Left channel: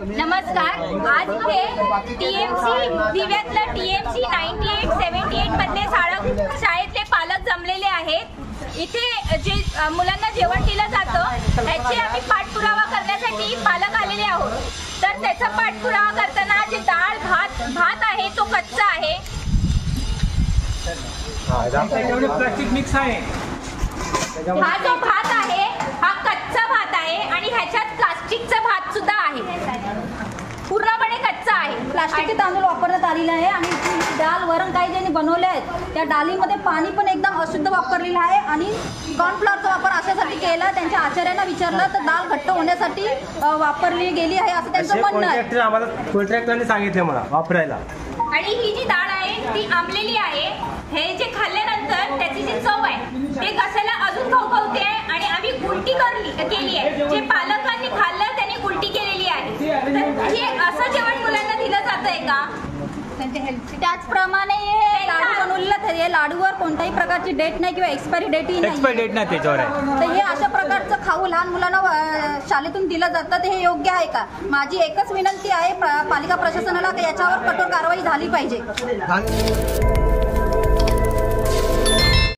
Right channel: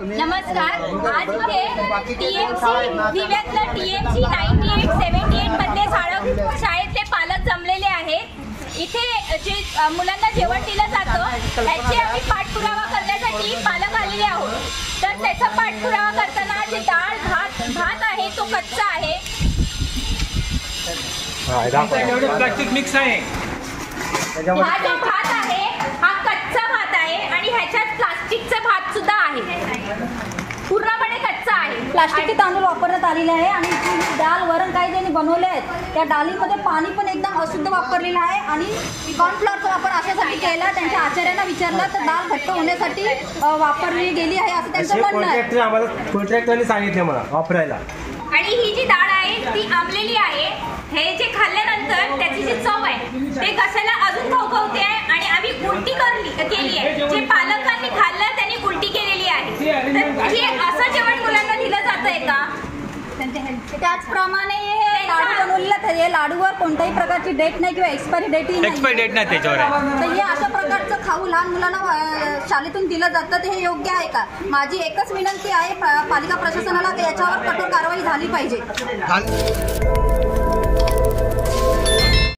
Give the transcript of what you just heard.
नमस्कार. आज इथे टीएमसी दिव्यातलं टीएमसी 9878 मधले शाळेतले पालक जमलेले आहेत. इथे जे मुलांना जेवण दिलं जातं त्याचे आम्ही पाठपुरावा करण्यासाठी पालक आलेले आहोत. तर त्याचा पाठपुरावा करताना जे डाळ भात आहे तो कच्चा आहे. प्लास्टिक मिक्स आहे. हा जो भात आहे हा कच्चा भात आहे आणि ह्याच्यात प्लास्टिकचा भात सुद्धा आहे. पूर्णपणे कच्चा आहे. प्लास्टिकचे तांदूळ वापरण्यात आलेले आहे आणि डाळ वरण काही ज्यांनी बनवले आहेत त्या डाळीमध्ये पाणी पण एकदम अशुद्ध वापरलेलं आहे आणि कॉर्नफ्लॉरचा वापर अशासाठी केला. त्यांच्या आचार्यांना विचारलं तर डाळ घट्ट होण्यासाठी वापरली गेली आहे असं त्यांचं म्हणणं आहे. आम्हाला कॉन्ट्रॅक्टरने सांगितलं मला वापरायला. आणि ही जी डाळ आहे ती आंबलेली आहे. हे जे खाल्ल्यानंतर त्याची जी चव आहे ते घशाला अजून खवखवते आहे आणि आम्ही उलटी केली आहे. जे पालकांनी खाल्लं त्यांनी उलटी केलेली आहे. तर हे असं जेवण मुलांना दिलं जातंय का? त्याचप्रमाणे हे लाडू बनवलेलं हे लाडूवर कोणत्याही प्रकारची डेट नाही किंवा एक्सपायरी डेट नाही त्याच्यावर. तर हे अशा प्रकारचं खाऊ लहान मुलांना शाळेतून दिलं जातं तर हे योग्य आहे का? माझी एकच विनंती आहे पालिका प्रशासनाला याच्यावर कठोर कारवाई झाली पाहिजे.